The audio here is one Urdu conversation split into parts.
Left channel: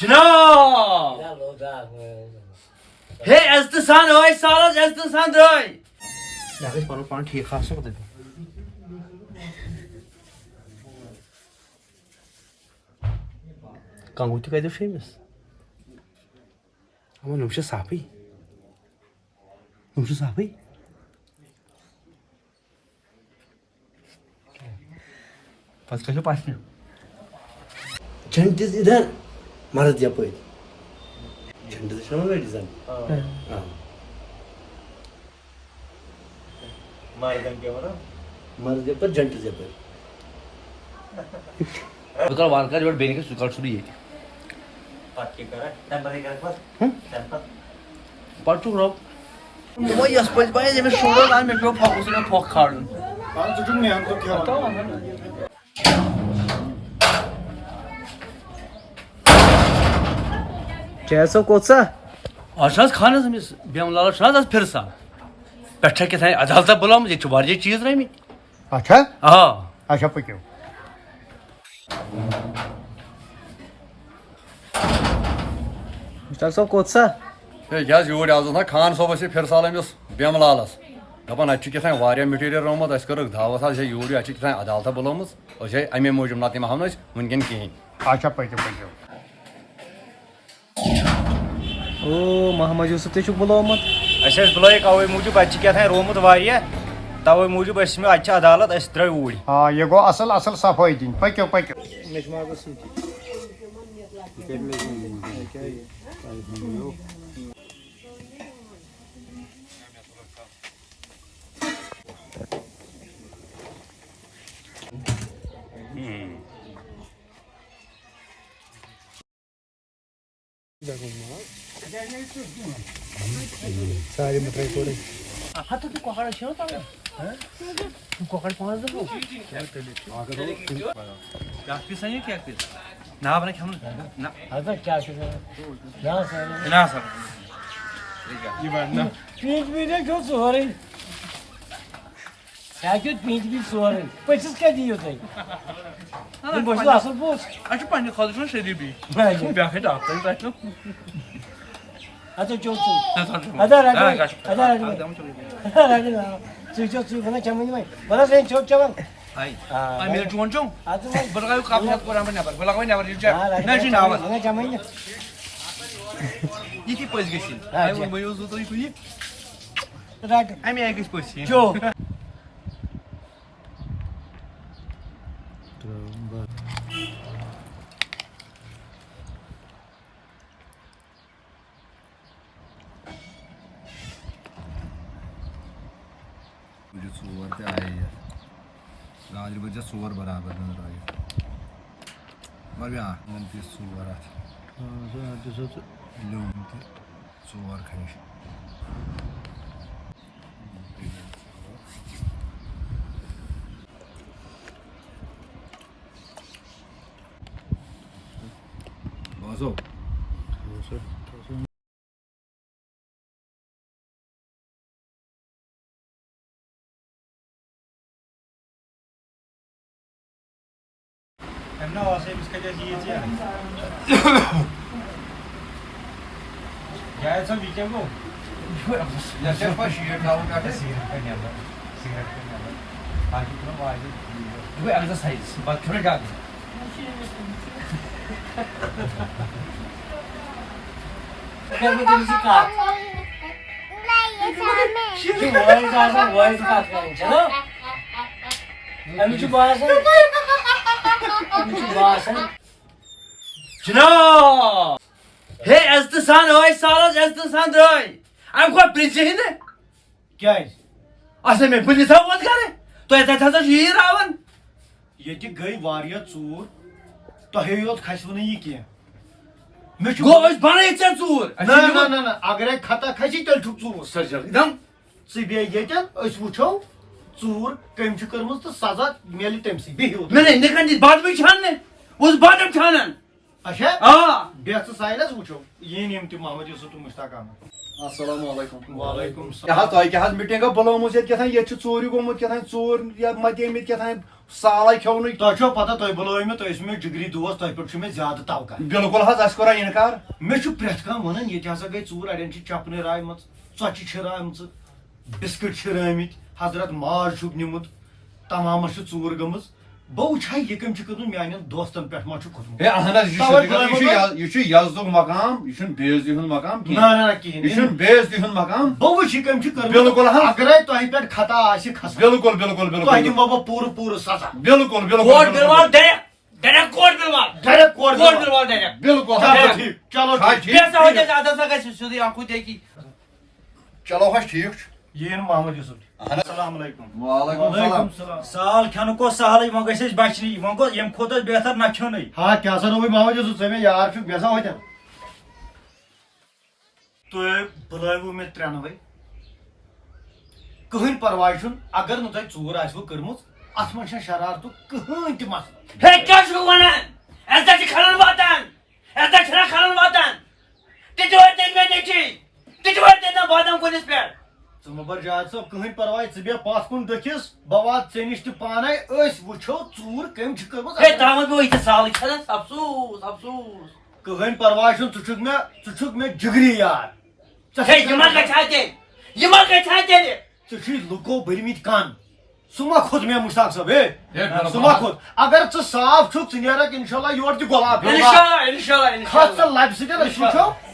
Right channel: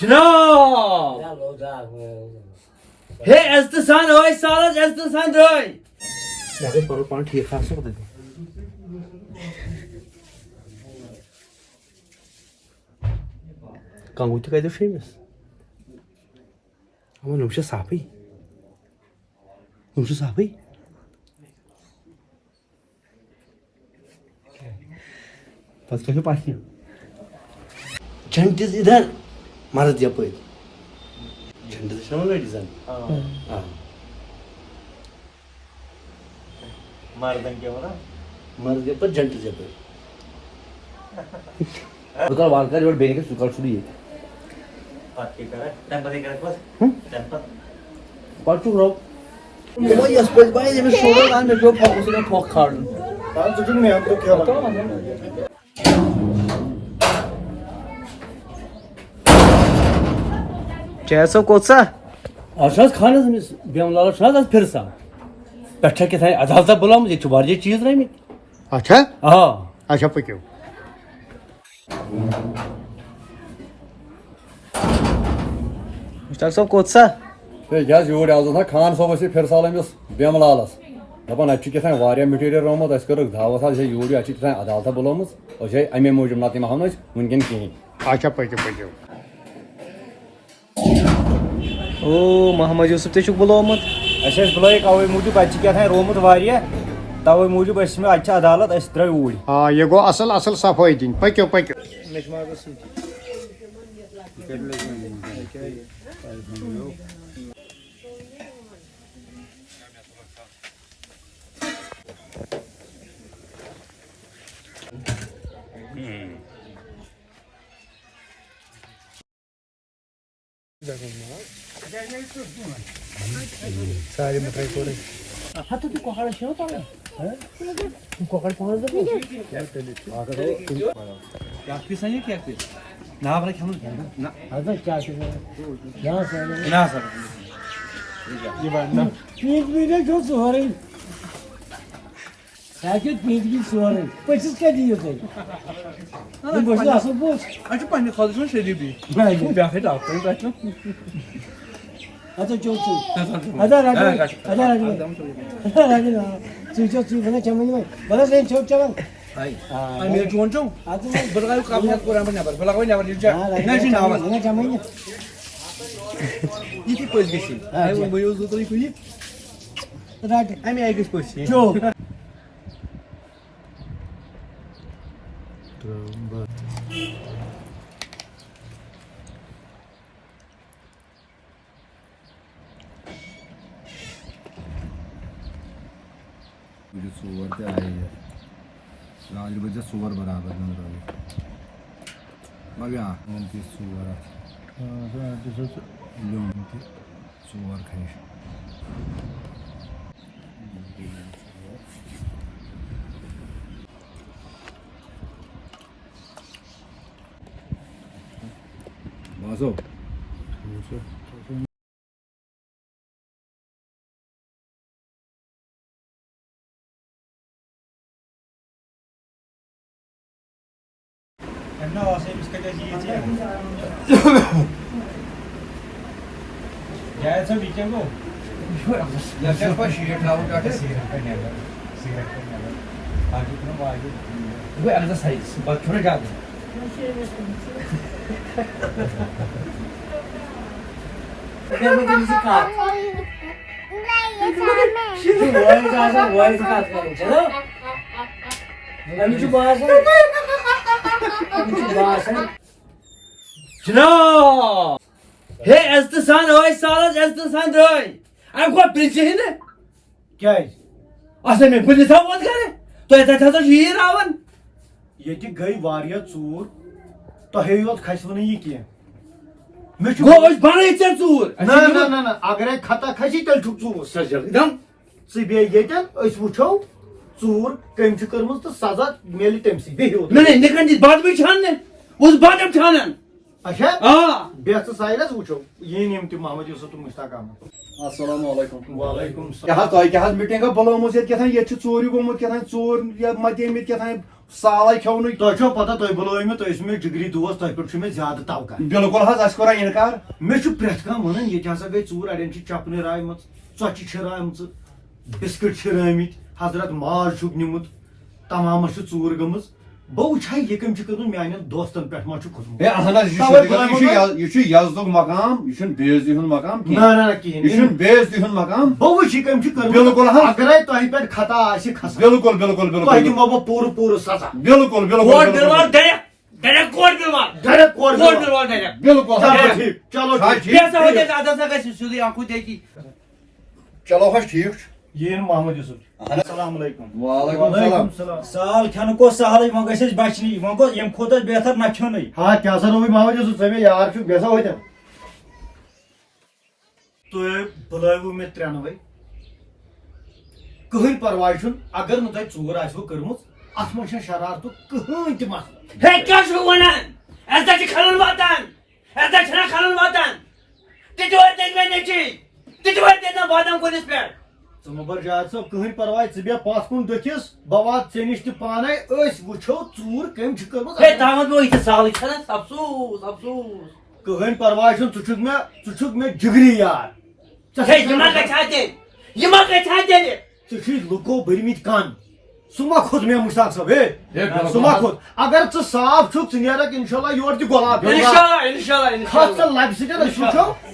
جناب ہے عزت سان ہوئی سالس عزت سان درٛاے مےٚ گژھِ پنُن پان ٹھیٖک آسُن کنگو تہِ کتہِ چھُ أمِس یِم چھِ صافٕے یِم چھِ صافٕے پتہٕ کیٛاہ چھُ پژھنہِ جھنڈِس اِدھر مرد یپٲرۍ جھنڈِس چھُ نا لڑی زن مردن کیٛاہ وَنان مرد یپٲرۍ جھنڈِس یپٲرۍ بہٕ کر وارٕ کارٕ یورٕ بیٚیہِ گژھِ سُہ کر سُہ ییٚتہِ پتہٕ کیٛاہ کرے تَمہِ پتہٕ کرکھ پتہٕ تَمہِ پتہٕ پتہٕ چھُکھ رۄب دوٚپمو یۄس پٔزۍ باے ییٚمِس شُرن آو مےٚ پیوٚو پھۄکُس مےٚ پھۄکھ کھالُن ژٕ چھُکھ محنتُک کھیوان کیٛاہ سا کوٚت سا آز چھُ حظ خانس أمِس بیمہٕ لالس چھُنہٕ حظ آز فِر سال پٮ۪ٹھٕ چھا کیٛاہ تانۍ عدالتہ بُلٲمٕژ ییٚتہِ چھِ واریاہ چیٖز درٛٲمٕتۍ اچھا آ اچھا پٔکِو مشتاق صٲب کوٚت سا ہے یہِ حظ یوٗرۍ آز اوس نا خان صٲبس یہِ فِر سال أمِس بیمہٕ لالس دپان اَتہِ چھُ کیٛاہ تانۍ واریاہ میٹیٖریل رومُت اَسہِ کٔرٕکھ دعوت حظ ہے یوٗرۍ اَتہِ چھِ کیٛاہ تانۍ عدالتہ بُلٲمٕژ أسۍ ہے اَمے موٗجوٗب نتہٕ یِمہٕ ہو نہٕ أسۍ وٕنکٮ۪ن کِہیٖنۍ اچھا پٔکِو پٔکِو او محمد یوٗسف تہِ چھُکھ بُلومُت اَسہِ ٲسۍ بُلٲیِکھ اَوَے موٗجوٗب اَتہِ چھِ کیٛاہ تانۍ رومُت واریاہ تَوَے موٗجوٗب أسۍ مےٚ اَتہِ چھِ عدالت أسۍ درٛاے اوٗرۍ آ یہِ گوٚو اصل اصل صفٲیی دِنۍ پٔکِو پٔکِو مےٚ چھِ مازَس سۭتی سارے مٹرائی کوڑے ہتہٕ تہِ کۄکر چھِ نہ تَلان کۄکر چھِ حظ کیٛاہ پیٖسا یہِ کیٛاہ پیٖس نا بَرا کھٮ۪مو نہ کیٛاہ چھُ نا سر یہِ وَننا پیٖنٛت ویٖنٛت گوٚو سورُے ہیٚکِو پیٖنٛت ویٖنٛت سورُے پٔژھِس کَتہِ دِیِو تُہۍ بہٕ چھُس اَصٕل پوٚژھ اَسہِ چھُ پننہِ خٲطرٕ چھُنہ شریٖفی بیٛاکھٕے ڈاکٹر تۄہہِ چھُ اَدٕ چوک ژٕ اَدا رَٹہِ اَدا رَٹہِ رَٹہِ ژٕ چوک ژٕ وَنان چَمن وۄنۍ وَنان ژٕ چوک چٮ۪وان میرے چون چون بہٕ لگاو کپ ہٮ۪تھ کوٚر بہٕ نٮ۪بر بہٕ لگاو نٮ۪بر ییٚلہِ ژےٚ نہ یہِ چھُ ناوان چَمن یِتھی پٔژھۍ گٔژھِنۍ وۄنۍ بہٕ اوسُس تُہۍ کُنہِ رَٹہِ اَمہِ آیہِ گٔژھۍ پٔژھۍ یِنۍ چوک ژور تہِ آیہِ گاجرِ بٔرۍ زِ ژور برابر نٔنٛدرٲیِتھ مگر بیٛاکھ یِمن پیٖس ژور اَتھ لیوٚمب تہِ ژور کھَنٛجہِ باسو أمِس کَتہِ ٲسۍ ییٖژ جاوید صٲب یہِ کیٛاہ گوٚو گوٚو ایٚکزرسایز پتہٕ چھُنہ گاڈٕ وٲرِس آسان وٲرِس کَتھ کَرٕنۍ چھَنا أمِس چھُ باسان أمِس چھُ باسان جناب ہے عزت سان ہوئی سالس عزت سان درٛاے اَمہِ کھۄتہٕ پرٛژھِ نہٕ کیٛازِ اَسا مےٚ پُلیٖس ہاو وۄنۍ کَرٕنۍ تۄہہِ تَتہِ ہسا چھُ یی راوان ییٚتہِ گٔے واریاہ ژوٗر تۄہے یوت کھسوٕ نہٕ یہِ کینٛہہ مےٚ چھُ گوٚو أسۍ بَنٲیِتھ ژےٚ ژوٗر نہ نہ نہ نہ اگرے خطا کھسہِ تیٚلہِ چھُکھ ژوٗر ژٕ بیٚیہِ ییٚتٮ۪ن أسۍ وٕچھو ژوٗر کٔمۍ چھِ کٔرمٕژ تہٕ سزا میلہِ تٔمۍ سٕے بِہِو مےٚ نہٕ نِکن دِتھ باتھ چھاننے اوس باٹم چھانان اچھا آ بیٚہہ ژٕ سایلس وٕچھو یِن یِم تہِ محمد یوٗسف تہٕ مشتاق احمد. السلام علیکم. وعلیکم کیٛاہ حظ تۄہہِ کیٛاہ حظ میٖٹِنٛگا بُلٲومٕژ ییٚتہِ کیٛاہ ییٚتہِ چھُ ژوٗرِ گوٚمُت کیٛاہ ژوٗر متیمٕتۍ کیٛاہ سالے کھیوٚونٕے. تۄہہِ چھو پتہ تُہۍ بُلٲیِو مےٚ تُہۍ ٲسِو مےٚ جگری دوس تۄہہِ پٮ۪ٹھ چھُ مےٚ زیادٕ توقع. بِلکُل حظ اَسہِ کوٚرا اِنکار. مےٚ چھُ پرٛٮ۪تھ کانٛہہ وَنان ییٚتہِ ہسا گٔے ژوٗر اَڑٮ۪ن چھِ چپنہٕ رایمٕژ ژۄچہِ چھِرایمژٕ بِسکِٹ چھِرٲمٕتۍ حضرت ماز چھُکھ نیُمُت تمامس چھِ ژوٗر گٔمٕژ. بہٕ وٕچھٕ ہا یہِ کٔمۍ چھِ کٔرمٕژ میانٮ۪ن دوستن پٮ۪ٹھ ما چھُ کھوٚتمُت. ہے اہن حظ یہِ چھُ یزدُک مقام یہِ چھُنہٕ بے عزتی ہُنٛد مقام نہ کینٛہہ. نہ کِہیٖنۍ یہِ چھُنہٕ بے عزتی ہُنٛد مقام. بہٕ وٕچھٕ یہِ کٔمۍ چھِ بِلکُل کٔرمٕژ. حظ. اگرے تۄہہِ پٮ۪ٹھ خطا آسہِ کھسان بِلکُل بِلکُل تۄہہِ بِلکُل دِمو بہٕ پوٗرٕ پوٗرٕ سزا. بِلکُل کوٹ بِلکُل بِلوال ڈایریکٹ کوٹ بِلوال ڈایریکٹ کورٹ کوٹ بِلوال. بِلوال ڈایریکٹ. بِلکُل چلو ٹھیٖک چلو ٹھیٖک. بیٚیہِ ہسا وٲتۍ اَسہِ عدالت گژھِ سیوٚدُے اَنکھُے تیٚکی. چلو حظ ٹھیٖک چھُ. یِن محمد یوٗسف. السلام علیکم. وعلیکم السلام. سال کھٮ۪نُک اوس سہلٕے وۄنۍ گژھِ اَسہِ بچنٕے وۄنۍ گوٚو ییٚمہِ کھۄتہٕ اوس بہتر نہ کھیوٚنٕے. ہا کیٛاہ سا روٗدۍ محمد یوٗسف ژٕ مےٚ یار چھُکھ بیٚیہِ سا ہوتٮ۪ن. تُہۍ بُلٲیوٕ مےٚ ترٛٮ۪نوَے کٕہٕنۍ پرواے چھُنہٕ اگر نہٕ تۄہہِ ژوٗر آسوٕ کٔرمٕژ اتھ منٛز چھنہٕ شرارتُک کٕہٕنۍ تہِ مسلہٕ. ہے کیٛاہ چھُکھ وَنان اَسہِ زن چھِ کھلن واتان اَسہِ زن چھِنہ کھلن واتان تہِ تہِ وٲتۍ تٔتۍ مےٚ نیٚچی تہِ تہِ وٲتۍ تٔتۍ بادام کُلِس پٮ۪ٹھ. ژٕ مہٕ بر جاد صٲب کٕہٕنۍ پرواے ژٕ بیٚہہ پتھ کُن دٔکھِس بہٕ واتہٕ ژےٚ نِش تہِ پانے أسۍ وٕچھو ژوٗر کٔمۍ چھِ کٔرمٕژ. ہے تامَتھ بہٕ یِتھٕ سالٕے چھَنہٕ افسوٗس افسوٗس. کٕہٕنۍ پرواے چھُنہٕ ژٕ چھُکھ مےٚ جگری یار. ہے یہِ ما گژھِ ہا تیٚلہِ یہِ ما گژھِ ہا تیٚلہِ. ژےٚ چھُے لُکو بٔرمٕتۍ کن سُہ ما کھوٚت مےٚ مشتاق صٲب ہے سُہ ما کھوٚت. اگر ژٕ صاف چھُکھ ژٕ نیرکھ انشاءاللہ یورٕ تہِ گۄلاب. کھس ژٕ لبہِ سۭتۍ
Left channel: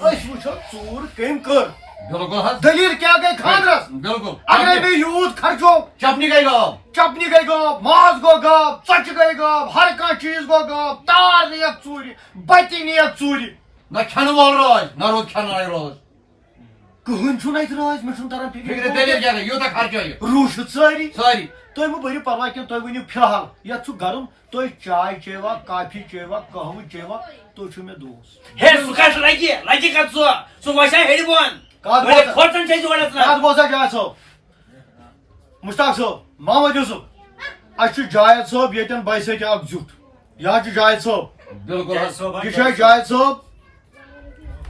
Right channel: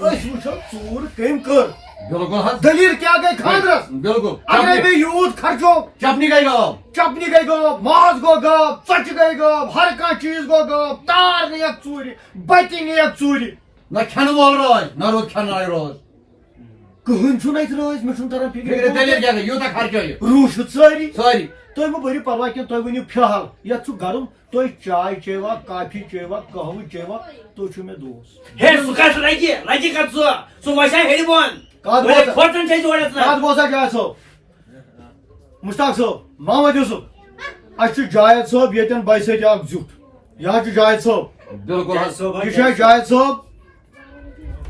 أسۍ وٕچھو ژوٗر کٔمۍ کٔر. بِلکُل حظ. دلیٖل کیٛاہ گٔے خانٛدرس. بِلکُل. اگرے بیٚیہِ یوٗت خرچو چپنی گٔے غٲب. چپنہِ گٔے غٲب ماز گوٚو غٲب ژۄچہِ گٔے غٲب ہر کانٛہہ چیٖز گوٚو غٲب تار نِیَکھ ژوٗرِ بتہِ نِیَکھ ژوٗرِ. نہ کھٮ۪نہٕ وول روزِ نہ روٗد کھٮ۪نہٕ روز. کٕہٕنۍ چھُنہٕ اَتہِ راز مےٚ چھُنہٕ تران دٔلیٖل فِکرِ. کیٛاہ گٔے یوٗتاہ خرچٲیِو روٗح چھُ سٲری. سٲری. تُہۍ مہٕ بٔرِو پرواے کینٛہہ تُہۍ ؤنِو فِلحال یتھ چھُ گرم تُہۍ چاے چیوا کافی چیوا قہوٕ چیوا تُہۍ چھِو مےٚ دوس. ہے سُہ کَتھ لگہِ کَتھ سُہ وسہِ ہا ہیٚرِ بۄن. کھۄژان چھِ أسۍ یورٕ کتھ بوزا جاوید صٲب مشتاق صٲب محمد یوٗسف اَسہِ چھُ جاوید صٲب ییٚتٮ۪ن بایسٲتہِ اکھ زیُٹھ یہِ حظ چھُ جاوید صٲب. بِلکُل حظ. یہِ چھُ اَسہِ جاوید صٲب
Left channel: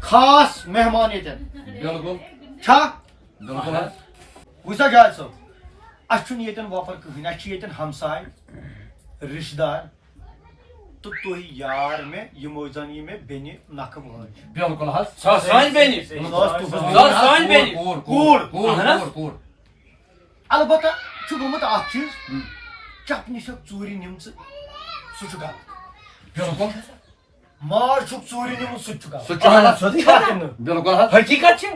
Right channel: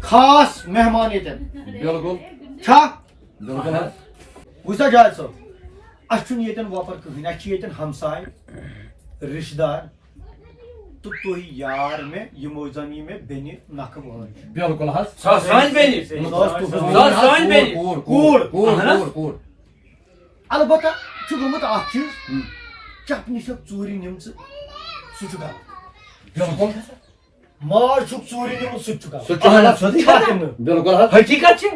خاص مہمان ییٚتٮ۪ن بِلکُل چھا. بِلکُل حظ. وٕچھ سا جاوید صٲب اَسہِ چھُنہٕ ییٚتٮ۪ن وۄپر کٕہٕنۍ اَسہِ چھِ ییٚتٮ۪ن ہمساے رِشتہٕ دار تہٕ تُہۍ یار مےٚ یِمو زن یہِ مےٚ بیٚنہِ نکھٕ وٲلۍ. بِلکُل حظ. سۄ سٲنۍ بیٚنہِ کوٗر. کوٗر. البتہ چھُ گوٚمُت اکھ چیٖز چپنہِ چھکھ ژوٗرِ نِمژٕ سُہ چھُ غلط. بِلکُل. ماز چھُکھ ژوٗرِ نِمُت سُہ تہِ چھُ سُہ تہِ چھُ غلط. غلط. بِلکُل حظ. حقیٖقت چھِ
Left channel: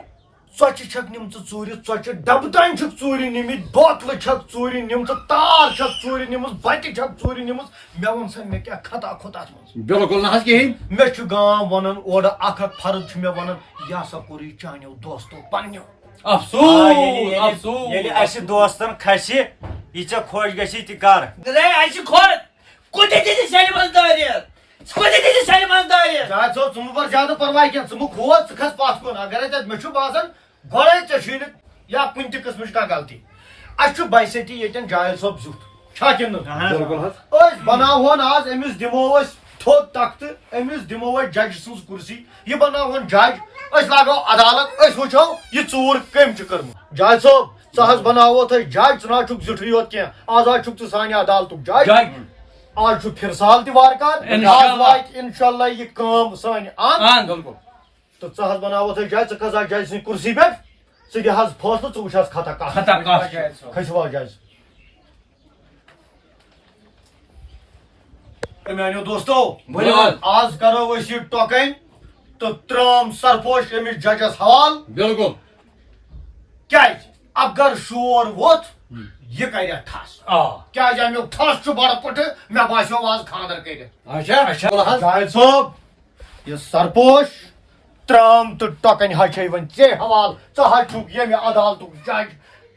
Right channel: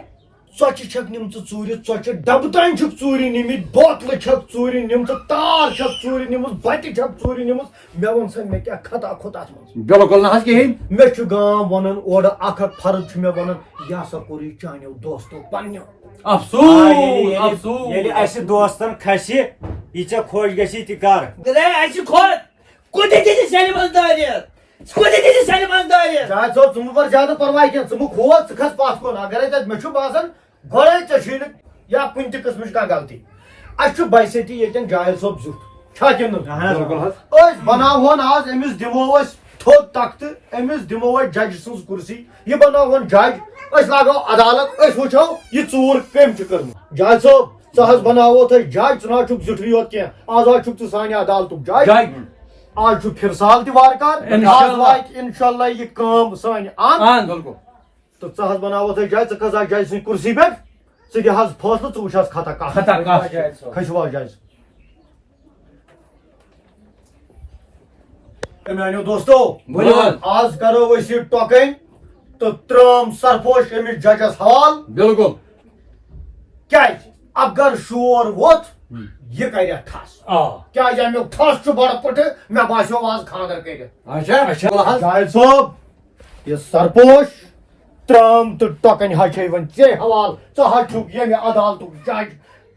ژۄچہِ چھکھ نِمژٕ ژوٗرِ ژۄچہِ ڈبہٕ تانۍ چھِکھ ژوٗرِ نِمٕتۍ بوتلہٕ چھکھ ژوٗرِ نِمژٕ تار چھکھ ژوٗرِ نِمٕژ بتہِ چھکھ ژوٗرِ نِمٕژ مےٚ ووٚن سا مےٚ کیٛاہ خطا کھوٚت اتھ منٛز. بِلکُل نہ حظ کِہیٖنۍ. مےٚ چھُ گام ونان اورٕ اکھ اکھ فرد چھُ مےٚ ونان یہِ ہسا کوٚر یہِ چانیو دوستو پننیو. ییٚلہِ اَسہِ دوستن کھسہِ یہِ ژےٚ خۄش گژھی تہِ کر. اَسہِ چھِ کھۄر کوٗتاہ تہِ سٮ۪لہِ منٛز دٲرِتھ کوٗتاہ تہِ سٮ۪لہِ منٛز دٲرِتھ. جاوید صٲب ژٕ مہٕ بر زیادٕ پرواے کینٛہہ ژٕ مہٕ کھوژ ژٕ کھس پتھ کُن اگرے تتہِ مےٚ چھُ باسان گۄڈے ژےٚ چھُے نہٕ یا کُنہِ تہِ قٕسمٕچ کانٛہہ غلطی. اَسہِ چھُ بایسٲتی ییٚتٮ۪ن جاوید صٲب زیُٹھ چھا کِنہٕ أسۍ بناوہون آز أمِس دِمو أسۍ تھوٚد تختہٕ أمِس دِمو أسۍ جج سٕنٛز کُرسی یہِ بناوہون جج أسۍ لاگو عدالت أسۍ وٕچھو یہِ ژوٗر کٔمۍ چھِ کٔرمٕژ. جاوید صٲب ژٕ حظ بناوہوتھ أسۍ جج ژٕ نہ حظ چھُکھ زیُٹھٕے یوت کینٛہہ آز حظ چھُکھ ژٕ سانہِ عدالتُک جج. آز چھُ فِر سال تہِ وارٕ کار انشاءاللہ یہِ کٲم سانہِ اند تہٕ ژٕ حظ بناوہوتھ أسۍ جج ژٕ کھس حظ جج سٕنٛدِ کُرسی پٮ۪ٹھ ژٕ دِ حظ فٲصلہٕ ژٕ وٕچھ حظ خطا کتھ. کھٔسِو حظ جج. میانیو دوستو آز کرو أسۍ یہِ ٹۄکٕنۍ تہٕ ترٛٲم سرپوش أمِس ججس حوالہٕ. بِلکُل. کیٛازِ اگر شور ووٚتھ یہِ کرِ ٹھس کیٛازِ امیُک ٹھس چھُ بڑٕ پٕٹھٕ مےٚ باسیو آز خانٛدر کٔرِتھ. جاوید صٲب یہِ سرپوش ترٛام تہٕ ٹۄکٕنۍ حظ چھے وۄنۍ ژےٚ حوالہٕ ژٕ حظ چھُکھ ییٚمہِ عدالتُک جج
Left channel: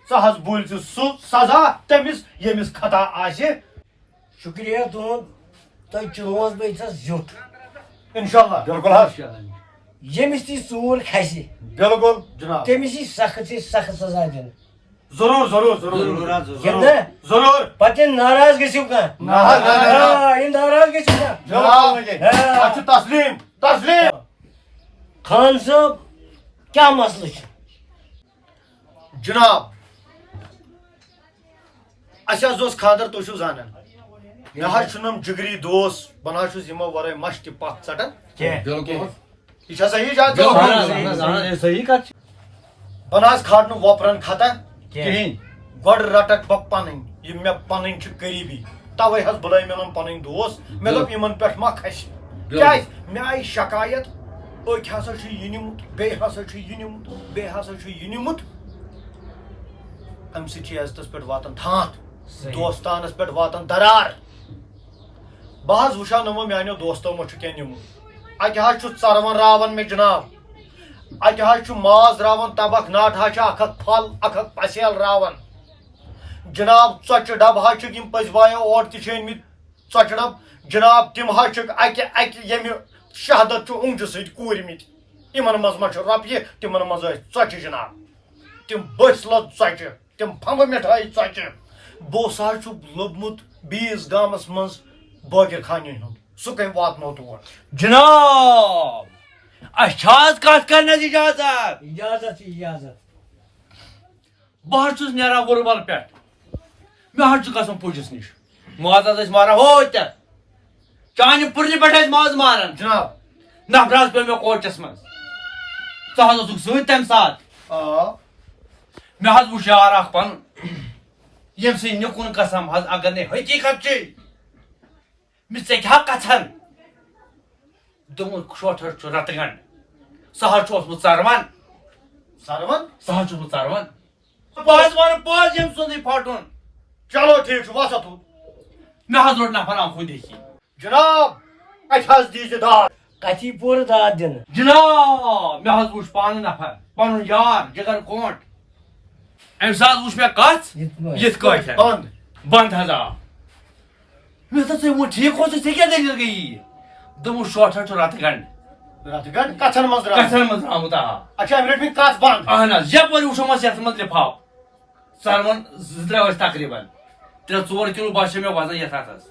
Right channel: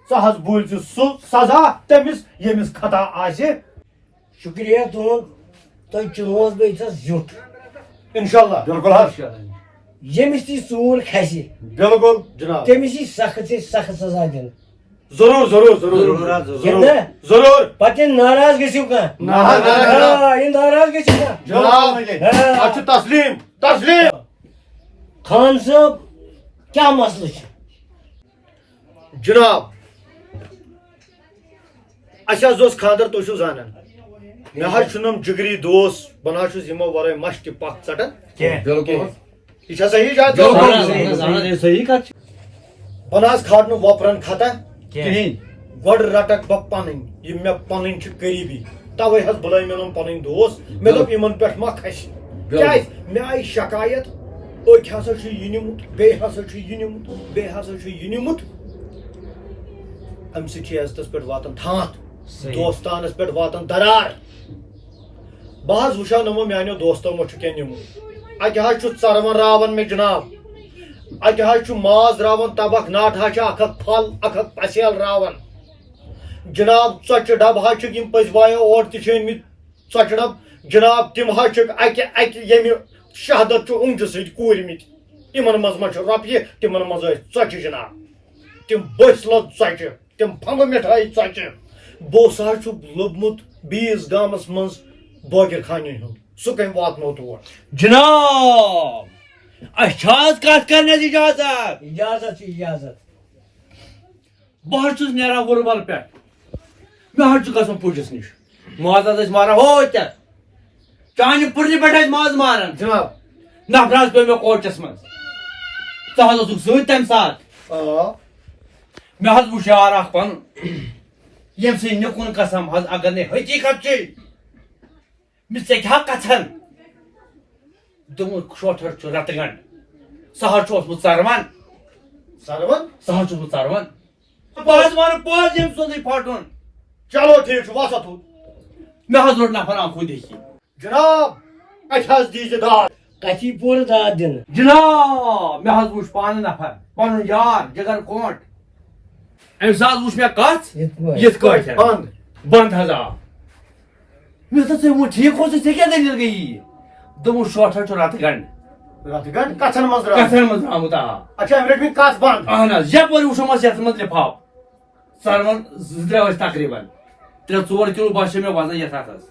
ژٕ حظ بوٗلۍ ژٕ سُہ سزا تٔمِس ییٚمِس خطا آسہِ. شُکریہ تُہُنٛد تۄہہِ چُنووس بہٕ ییٚتھس زیُٹھ انشاءاللہ. بِلکُل حظ. ییٚمِس تہِ ژوٗر کھسہِ بِلکُل جناب تٔمِس یی سخت سے سخت سزا دِنہٕ ضرور ضرور ضرور گِنٛدنا ضرور پتہٕ ناراض گٔژھِو کانٛہہ یہِ ناراض گٔژھِو کانٛہہ جناب اچھا تسلیم تسلیم خان صٲب کیٛاہ مسلہٕ چھُ جناب اَسہِ حظ اوس خاندر تُہۍ چھِو زانان مےٚ حظ چھُنم جگری دوس بہٕ نہ حظ چھُس یِمو ورٲے مش تہِ پکھ ژٹان بالکل حظ یہِ چھا صحیح جان صحیح کتھ بہٕ نہ حظ کھارنہٕ وۄپرن کھتا کہین گۄڈٕ رٹکھ بہٕ پنٕنۍ یِم مےٚ پنٕنۍ چھِ قریبی توے حظ بُلٲے مےٚ یِم پنٕنۍ دوس مےٚ دوٚپ یِمن پٮ۪ٹھ ما کھسہِ کیازِ مےٚ آیہِ شکایت أکۍ ہسا چھُ یہِ نِمُت بیٚیہِ ہسا چھُ یہِ نِمُت بیٚیہِ ہسا چھُ یہِ نِمُت امہِ سۭتۍ چھِ عزتس پٮ۪ٹھ واتان تھانٛت دوستانس پٮ۪ٹھ واتان درار بہٕ حظ وٕچھو نہٕ میانیو دوستو ما چھُ کینٛہہ نِمُت اتہِ حظ چھُ ژروَن راوان مےٚ جناب اتہِ حظ چھُ ماز راوان تبکھ ناٹہٕ حظ چھِ اکھ اکھ پھل اکھ اکھ پسیل راوان جناب ژۄچہِ ڈبہٕ حظ چھِکھ یِم پٔزۍ بایو اورٕ تہِ چھِ أنمٕتۍ ژۄچہِ ڈبہٕ جناب تِم حظ چھِکھ اکہِ ییٚمہِ شہادت چھُ اونٛگجہِ سۭتۍ کوٗرمٕتۍ یِمن منٛز ما چھُ رۄپیہِ تِمن منٛز ٲسۍ ژۄچہِ جناب تِم بٔسۍ لوٚد ژۄچہِ تِم پھمبہٕ مِٹھٲے ژۄچہِ بہٕ اوس حظ چھُ لوٚبمُت بیٚیِس گامس منٛز بٲگِر خانٮ۪ن ہُنٛد سُہ کٔمۍ واتنو تور جناب اَسہِ چھا حظ کتھ کرنس اجازت اجازت چھِ اجازت بہٕ حظ چھُس نیران وُربل پٮ۪ٹھ مےٚ حظ چھُ گژھُن پُجس نِش ماز حظ ٲسۍ ماران ہوتٮ۪تھ چانہِ پٕرنہِ پٮ۪ٹھ ٲسۍ ماز ماران جناب نفر حظ پیٚو مےٚ کوچس منٛز ژٕ حظ اوسُکھ سۭتۍ تمہِ ساتہٕ مےٚ حظ وُچھ یار اکھ پنُن ییٚمہِ سٕنٛدۍ نِکُن قسم حظ اگر نہٕ حقیٖقت چھِ مےٚ ژےٚ کیٛاہ کژھن دوٚپمُت شوٹھر چھُ رتہٕ گنڈ سُہ حظ چھُ اوسمُت ژروَن سرون سُہ حظ چھُس بہٕ ژروَن بہٕ حظ وَنہٕ پوٚز ییٚمہِ سُنٛدٕے پھٹُن چلو ٹھیٖک چھُ وسا تُل مےٚ حظ روٚٹ نفر آنکھو دیکھی جناب اتہِ حظ دیٖزِ داد کتھی پوٗرٕ داد دِنہٕ جناب مےٚ حظ وُچھ پانہٕ نفر پنُن یار جگر کوٹ أمِس حظ وُچھ مےٚ کتھ یِتھ کٲٹھۍ بنٛد بنٛد حظ آو مےٚ دوٚپ ژےٚ ووٚن ٹھیٖک اوسُے ژےٚ کیٛاہ دٔلیٖل گٔیی دوٚپمُت شوٹھر چھُ رتہٕ گنڈ رتہٕ گنڈ کتھن منٛز درٛاو کتھن منٛز درٛامُت آ اچھا أمۍ رٔٹۍ مےٚ کتھ بنٛد اہن حظ یپٲرۍ وٕچھُمس یتھ منٛز لِفاف ژروَن زٕ ترٛےٚ ٲسۍ تقریٖبن 3-4 کِلوٗ باسیو مےٚ وزن یتھ ہتس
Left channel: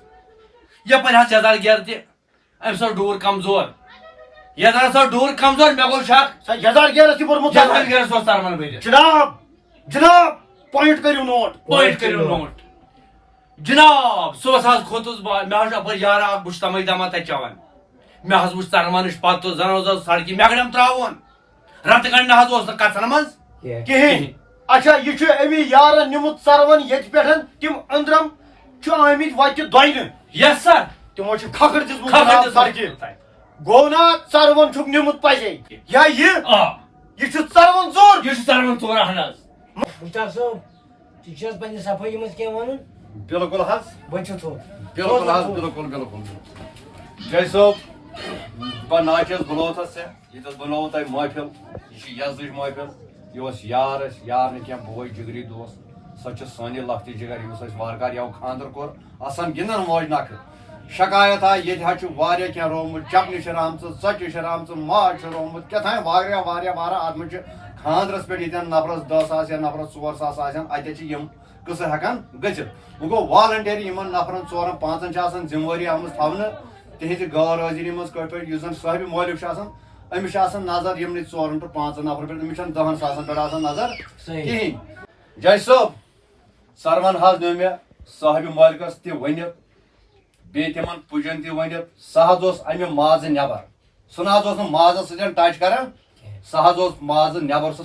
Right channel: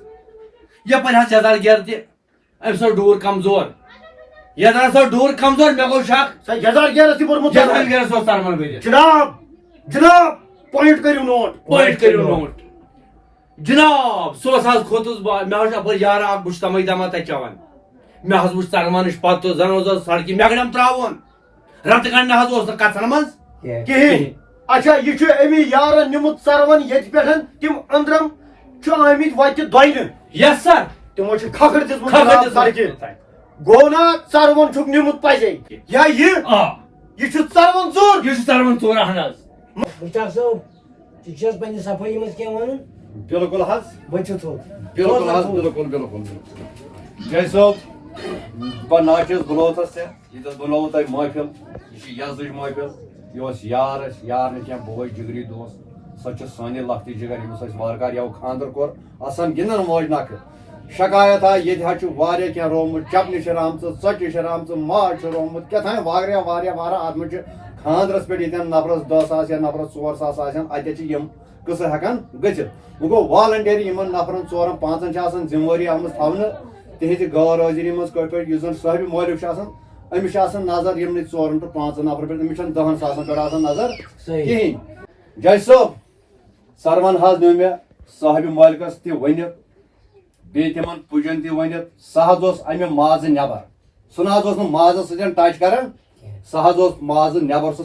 یپٲرۍ حظ یزار گیر تہِ أمِس اوس ڈوٗر کمزور یزار اوس ڈوٗر کمزور مےٚ گوٚو شک سا یزار گیرس تہِ بوٚرمُت یزار گیرس اوس ژروَن بٔرِتھ جناب جناب پویِنٹ کٔرِو نوٹ پٲٹھۍ کٔرِو نوٹ جناب صُبحس حظ کھوٚتُس بہٕ مےٚ حظ چھُ اپٲرۍ یارا اکھ بہٕ چھُس تمے دما تتہِ چٮ۪وان مےٚ حظ وُچھ ژروَنٕچ پتہٕ زن اوس سڑکہِ مےٚ گٔڈم تراوُن رتہٕ گنڈ نہ حظ اوس نہٕ کتھن منٛز کِہیٖنۍ اچھا یہِ چھُ امی یارن نِمُت ژروَن ییٚتہِ پٮ۪ٹھ تِم أنٛدرم چھُ آمٕتۍ وتہِ دۄیہِ یس سر تِمو چھُ کھکھٕر دِژمٕژ جناب سڑکہِ گوٚو نا ژروَن چھُکھ نِمُت پزے یا یہِ چھُ ژروَن ژوٗر یہِ چھُ ژروَن ژوٗر اہن حظ مُختار صٲب ژٕ چھِ حظ پننہِ صفٲیی منٛز کینٛہہ وَنُن بالکل حظ بٔچھِو تھوٚد بالکل حظ بالکل بالکل جے صٲب بہٕ ناچس بُلوتس ژےٚ ییٚتٮ۪س بنووُ تۄہہِ محفِل یہِ چھِ یزدٕچ محفِل یہِ اوس یار اَسہِ یار نہٕ کینٛہہ بوے جگری دوس سۄ چھِ سانہِ لۄکٹہِ جگر ییٚمِس اَسہِ وارٕکار یَوٕ خانٛدر کوٚر آسان گِنٛدان موج نکھٕ شکایت آیہِ ییٚتہِ حظ چھُ واریاہ کینٛہہ رومُت چپنہِ چھِ رامژٕ ژۄچہِ چھِ رامژٕ ماز چھُ رومُت کیٛاہتام واریاہ اتھ منٛز چھِ خانٛدرس پٮ۪ٹھ ییٚتٮ۪ن نفرس 10 ساس یا نفرس 4 ساس آسن اتہِ چھِ یِم قٕصہٕ ہٮ۪کان گٔژھِتھ وۄنۍ گوٚو والنٹری یِمن نفرن 4-5 چھِ آسان ذمہٕ وٲری آمٕژ تھاونہٕ تِہنٛزِ غٲر حٲضری منٛز کٲٹھۍ پٲٹھۍ یُس زن صٲحبِ مٲلِک چھُ آسان أمِس چھِ آسان نظر یِمنٕے 4 ٹُو 5 نفرن پٮ۪ٹھ أمِس چھنہٕ 10 ساسن پٮ۪ٹھ آسان نظر کِہینۍ جج صٲب ژروَن حظ نیوٗ مےٚ صٲحبِ مٲلکس تہِ ؤنِتھ بیٚیہِ تِمن پُجن تہِ ؤنِتھ سُہ حظ اوس امہِ مازٕ نٮ۪بر سُہ نہ حظ اوس نہٕ مازس سۭتۍ ٹچ کران سُہ حظ اوس مازٕ نٮ۪بر سُہ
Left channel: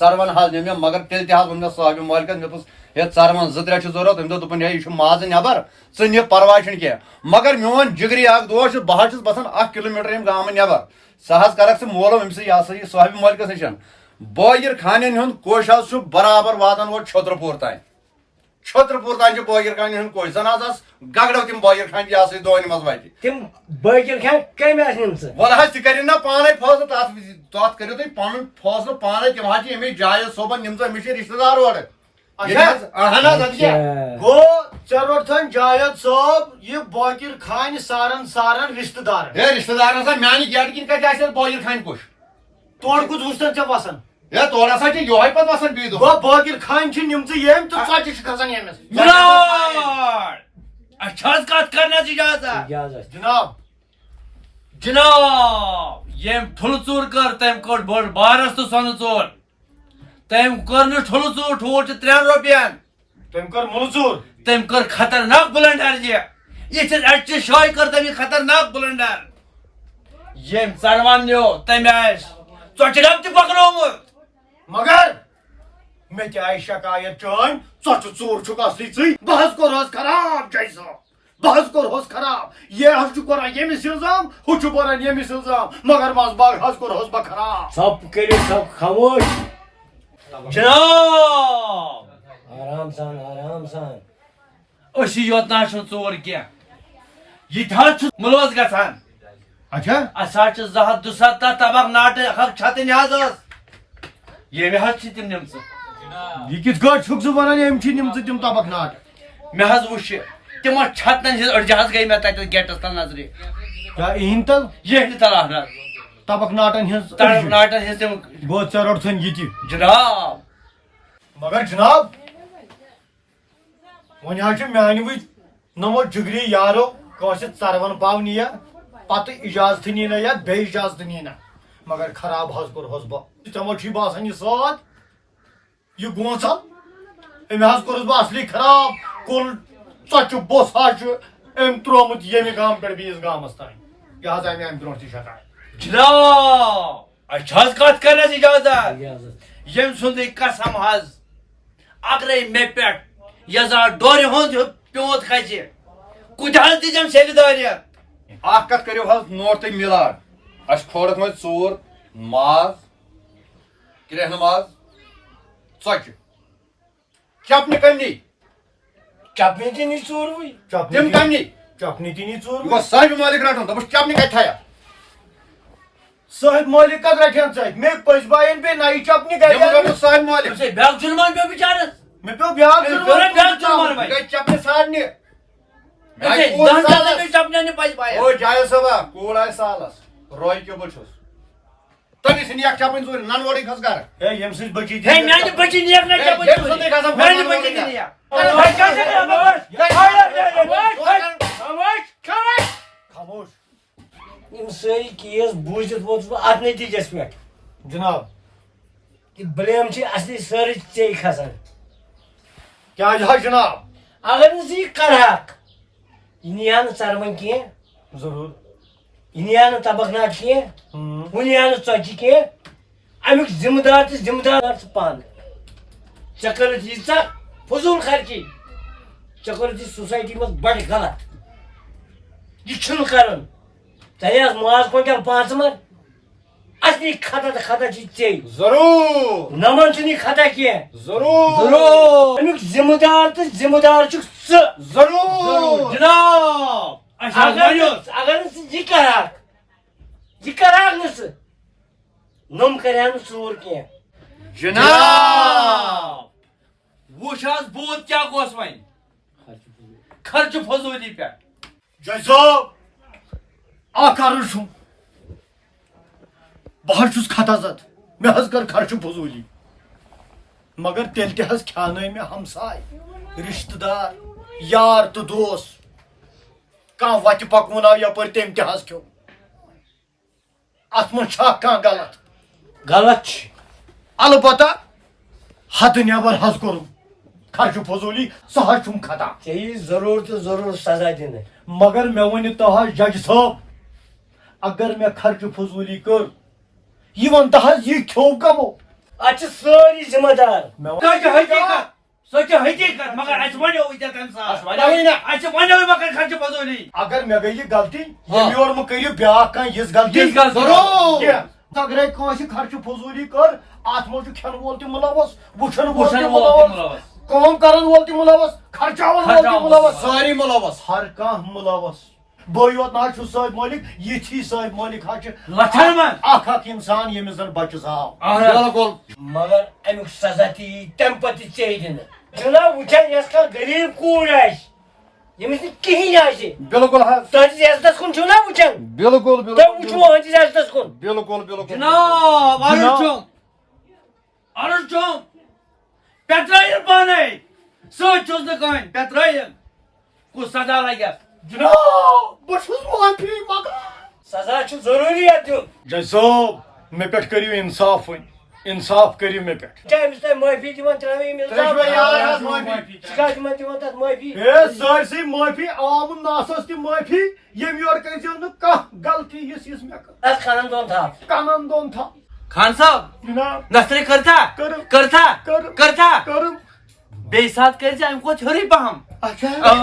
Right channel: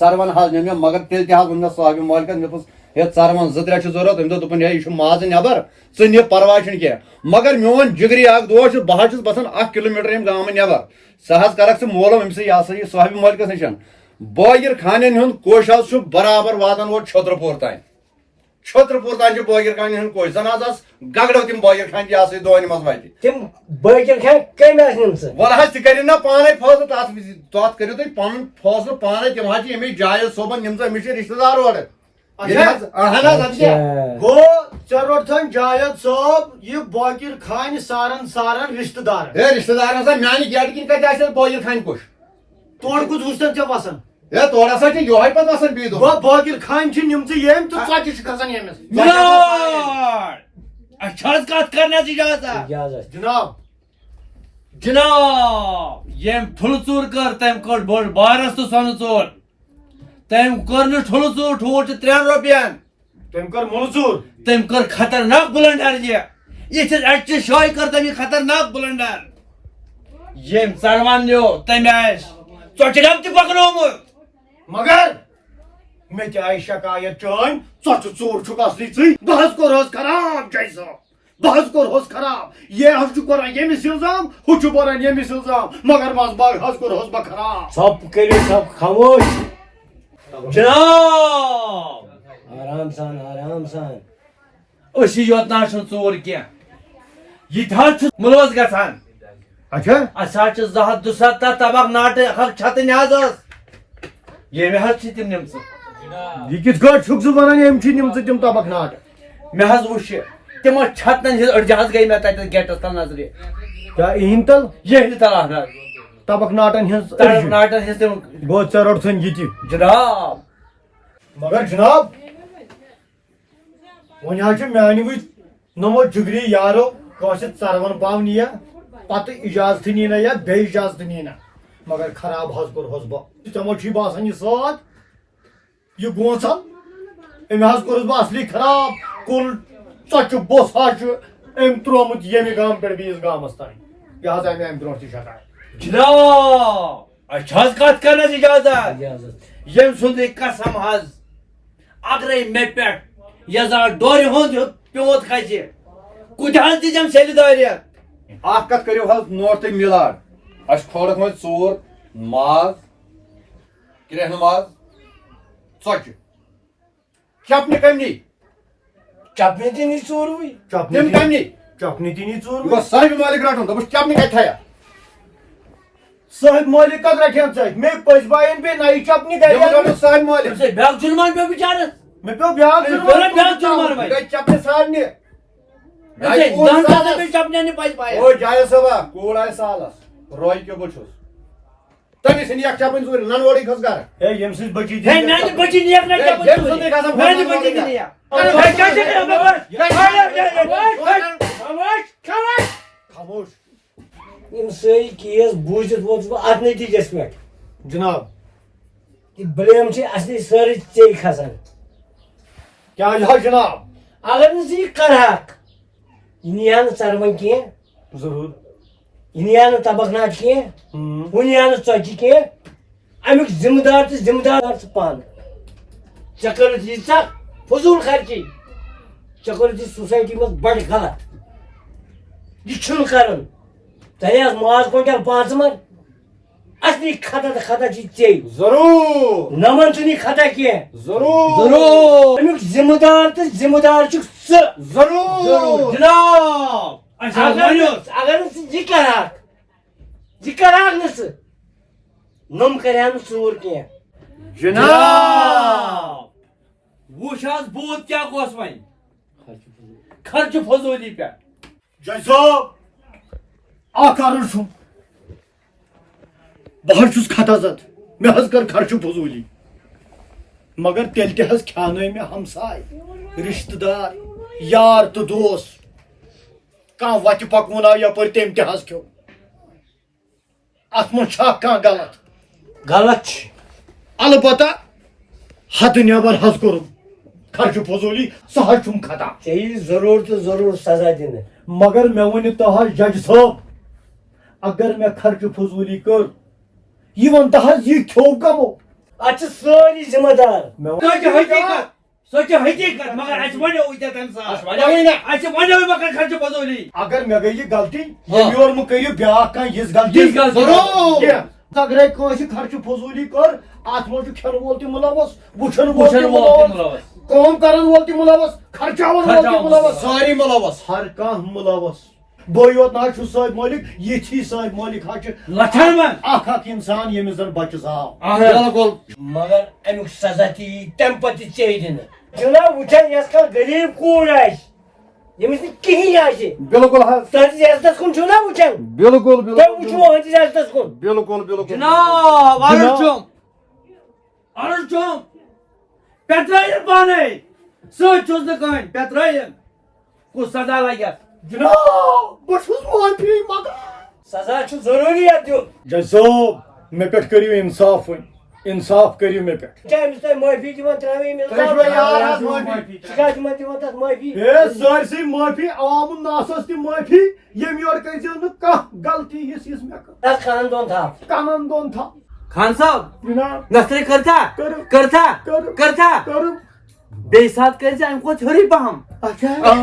ژروَن حظ نیوٗ مےٚ مگر تیٚلہِ تہِ حظ ووٚن مےٚ صٲحبِ مٲلکس مےٚ دوٚپُس ہے ژروَن 2-3 چھِ ضروٗرت أمۍ دوٚپ ہے یہِ چھُ مازٕ نٮ۪بر ژٕ نہِ پرواے چھُنہٕ کینٛہہ مگر میون جگری اکھ دوس چھُ بہٕ حظ چھُس باسان 1 کِلوٗمیٖٹر ییٚمہِ گامہٕ نٮ۪بر سُہ حظ کرکھ ژٕ مولوم أمۍ سٕے یہِ ہسا یہِ صٲحبِ مٲلکس نِش بٲگِر خانٮ۪ن ہُنٛد کوٚش حظ چھُ برابر واتان اور چھٔترٕپوٗر تام چھِ بٲگِر خانٮ۪ن ہُنٛد کوٚش زن حظ آس گگڑو تِم بٲگِر خانہِ یہِ ہسا یہِ دونہِ منٛز وتہِ تِم بٲگِر خانہِ کمہِ آسہٕ نِمژٕ وَلہٕ حظ ژٕ کٔرِو نا پانے فٲصلہٕ تتھ کٔرِو تُہۍ پنُن فٲصلہٕ پانے تِم حظ چھِ ییٚمِچ جاوید صٲبن نِمژٕ أمِس چھِ رِشتہٕ دار اورٕ گوٚو ژےٚ روٚٹتھن جاوید صٲب یہِ بٲگِر خانہِ سارن رِشتہٕ دارن ہے رِشتہٕ دار ہسا میانہِ گیٹہٕ کِنۍ کتہِ آسہِ بٲگِر خانہِ کوٚش تورٕ کُس وٕچھتن ژےٚ وسان ہے تور ہسا چھِ یہوے پتہٕ وسان بیٚیہِ دۄہ باقر خان چھِ نِمژٕ ییٚمۍ تہٕ ژۄچہِ چھِ کھسان ییٚمِس اچھا کت کرنے اجازت اجازت جناب جناب یم ٹھل ژور کر تم کڑ بڑ بارس تو سن ژور تم کر نہ ٹھل ژور ٹھوٹ 3 رۄپین تٔمۍ کٔر مُنژوٗر تم کر خطرناک بلنڈر یہ اچھے شاے کر تم خطرناک بلنڈر یم ژڑوان نیو تم آس ژۄچہِ ڈب تہ پکنومُت مگر مےٚ تہِ آیہِ شکایت چٲنۍ ژۄچہِ ژوٗر چھُکھ اصلی ژٕے بہٕ حظ کوٚرہس خراب جاے صٲب بہٕ حظ کوٚرہس خراب یہ حظ چھُ کران ییٚمِس الزام ہُہ چھُ بران ییٚمِس الزام مگر منٛزٕ باغ حظ کوٚرہس بہٕ خراب ژھۄپ کٔرِو ژھۄپ خاموش جناب آرام سان اسی یوت نا ژور کی یہ ملوث گژھان اچھا اسا 270 تبق ناٹہ حق چھتن حظ یہ حظ تم نمژ یہ کِتھ کٲٹھۍ چھُکھ ژٕ ونان ییٚمۍ چھِ نِمژٕ تِم تبق ناٹہٕ مے حظ وچھ تم چھتن ہز أڑجہِ حظ گئی مے تتہِ گیٹس تل نظرِ کیٛاہ اِہِنٛدِ تل یہ تل حظ تبق ناٹن ہٕنٛز تبق ناٹن ہز تم گوٚو ژےٚ روٚٹتھن یہِ تہِ جناب مگر جناب وۄنۍ حظ چھُ میانہِ وِزِ نمو جگری یارو کٲنٛسہِ ژرون پاو نِیا پتہٕ اجازتھٕے نی نہ یا بیٚیہِ اجازتہٕ نی نہ مگر خراب حظ کوٚرہس بہٕ ژےٚ ما چھُے باسان یہِ ساد یہِ گونٛژل أمۍ حظ کوٚرُس بہٕ اصلی خراب کُل ژۄچہِ بوٚس حظ چھُ أمۍ ترٛوومُت ییٚمہِ گامہٕ پٮ۪ٹھ بیٚیِس گامس تانۍ یہِ حظ آیہِ مےٚ امہِ برونٛٹھ تہِ شکایت جناب اچھا کت کرنس اجازت یم سند قسم حظ اگرے مے پٮ۪ٹھ یزار ڈورِ ہُنٛد پیوت کھسہِ کُتہِ حظ دِژم سیلہِ دٲرِتھ اکھ کتھ کٔرِو حظ نوٹ تُہۍ مِلاڈ اسہِ کھورکھ وۄنۍ ژوٗر ماز کرٛیٚہنہٕ ماز ژۄچہِ چپنہِ کٔمۍ نی چپنہِ تہِ نی ژوٗروٕے تِم کٔمۍ نی چپنہِ تہِ نی یہِ ژوٗر گوٚو صاحبہِ مالِک رٹُن دوٚپُس چپنہِ کتہِ تھایا صاحب مٲلِک کتھ رٹھن ژٕ مےٚ پٔزۍ باین پیٚیہِ نَیہِ چپنہِ تٔمِس گرِ رٹُن صاحبہِ مالِک بیاکھ جُرمان پیو بِچارس مےٚ پیٚو بیٛاکھ بیٛاکھ جُرمان یہِ گٔے چپنہِ سارنہِ پایا او جایل صٲبا کوٗر آیہِ سالس روے کیٛاہ بہٕ چھُس تۄہہِ ژھٕنہِ اکھ چپٕنۍ ژوٗرِ ننوٲڑٕے کھٔژ گرٕ ہے ییٚمہِ سٕنٛز بچی ہے میانہِ بچی نیک نہ ییٚمہِ سُنٛدٕے گژھان میانہِ بچی نیک خاموش یِم سٲری کیس بوٗزِتھ ووتُس بہٕ اتھ نٔتیٖجس پٮ۪ٹھ جناب یہِ بلیم چھِ اصلی سٲرٕے ژےٚ کھسان کیٛازِ حظ جناب اگر نہٕ ژٕ یہِ کرہاکھ یہِ نِیہِ نہٕ ژروَنۍ کینٛہہ ضروٗر یہِ نِیہِ نہٕ تبق ناٹہٕ کینٛہہ ہُہ نِیہِ نہٕ ژۄچہِ کینٛہہ امیُک ذمہٕ دار تہٕ ذمہٕ دار ژٕ پانہٕ ژےٚ کٔرٕتھ ییٖژاہ فضوٗل خرچی ژےٚ کوٚرُتھ یہِ سوسایٹی منٛز بڑٕ غلط یہِ چھُنہٕ کرُن ژےٚ حظ ماز کوینٹل 5 مر اصلی خطا تہٕ خطا چھِ ژےٚ ضروٗر نمن چھُنہٕ یہِ خطا کینٛہہ ضروٗر امیُک ذمہٕ دار تہٕ ذمہٕ دار چھُکھ ژٕ ضروٗر جناب اگر نہٕ ژٕ یہِ کرہاکھ نہٕ ژٕ نۄم کرِہا نہٕ ژوٗر کینٛہہ جناب وچھ حظ بوت کیا گوس وۄنۍ خرچہ فضوٗلی پٮ۪ٹھ جاے صٲب اکھ عرض چھُم بہٕ حظ چھُس خطا زد مےٚ حظ کٔر خرچہٕ فضوٗلی مگر تیٚلہِ تہِ حظ کھیٛانٲے مےٚ ہمساے رشتہٕ دار یار تہٕ دوس کانٛہہ وتہِ پکوُن آو یپٲرۍ تٔمۍ تہِ حظ کھیوٚو اتھ منٛز چھا کانٛہہ غلط غلط چھُ البتہ حدٕ نٮ۪بر حظ کوٚرُم خرچہٕ فضوٗلی سُہ حظ چھُم خطا ژےٚ یی ضروٗر تہٕ ضروٗر سزا دِنہٕ مگر مےٚ ؤنِو تُہۍ حظ جج صٲب اگر مےٚ خرچہٕ فضوٗلی کٔر یہِ ونتہٕ حظ یہِ کھیوٚو کمو اتھ چھِ سٲری ذمہٕ دار سۄ چھِ حقیٖقت مگر اَسہِ وَنیو ییٚتٮ۪تھ تَمہِ ساتہٕ اَسہِ وَنیو مےٚ کَرِ خرچہٕ فضوٗلی اگر مےٚ گٔے یہِ غلطی ییٚمہِ یورٕ مہٕ کٔرِو بیٛاکھ کانٛہہ یِژھ غلطی یِژھ غلطی کینٛہہ اگرے کٲنٛسہِ خرچہٕ فضوٗلی کٔر اتھ منٛز چھُ کھٮ۪نہٕ وول تہِ مُلوث وٕچھن وول تہِ مُلوث کٲم کرن وول تہِ مُلوث خرچاون وول تہِ مُلوث سٲری مُلوث ہر کانٛہہ مُلوث بہٕ یوت نہ حظ چھُس صٲب مٲلِک یِتھی صٲب مٲلِک حظ چھِ لچھن منٛز اکھ اکھ انسان ییٚمِس زن بچہِ زاو بِلکُل مگر امیُک سزا تہِ یی تمہِ پتہٕ تہِ ژےٚ دِنہٕ جناب وٕچھن یۄس کانٛہہ غریٖب کوٗر آسہِ ییٚمِس نہٕ کِہیٖنۍ آسہِ بِلکُل حظ تُہنٛدِس عزتس کُن چھُو نا وٕچھان بِلکُل تۄہہِ وٕچھوٕ أہنٛدِس عزتس کُن بِلکُل بِلکُل جناب عرض چھُم Arun çom. Petrayın bana. Söz çözdü kayın. Petrayın. Ku sada lagya. جناب بہٕ چھُس معافی منٛگان سزا چھُ ضروٗریت دیُن جج صٲب مےٚ پٮ۪ٹھ کٔرِو اِنصاف وۄنۍ اِنصاف کٔرِو مےٚ پٮ۪ٹھ چھا أمِس تۄہہِ معٲفی دِوان ترٛاوٕنۍ یِم تُہۍ چھُوا یار حظ معٲفی ژٕ کیٛازِ چھُ تِمن دِوان تتھ معٲفی ہے سٲرسٕے معٲفی عوامُن ناسَس تہِ معٲفی ییٚمہِ یورٕ کٔرۍزیو نہٕ کانٛہہ غلطی یِژھ یِژھ مےٚ کٔر تتھ کھانن دۄن تھاو کَنن دۄن تھاو Khan sahab. جناب Nasıl karta? Karım. Karta. Karım. Karta. کٔرٕم Beysat karıcı am koç hurry paham. اچھا Ah.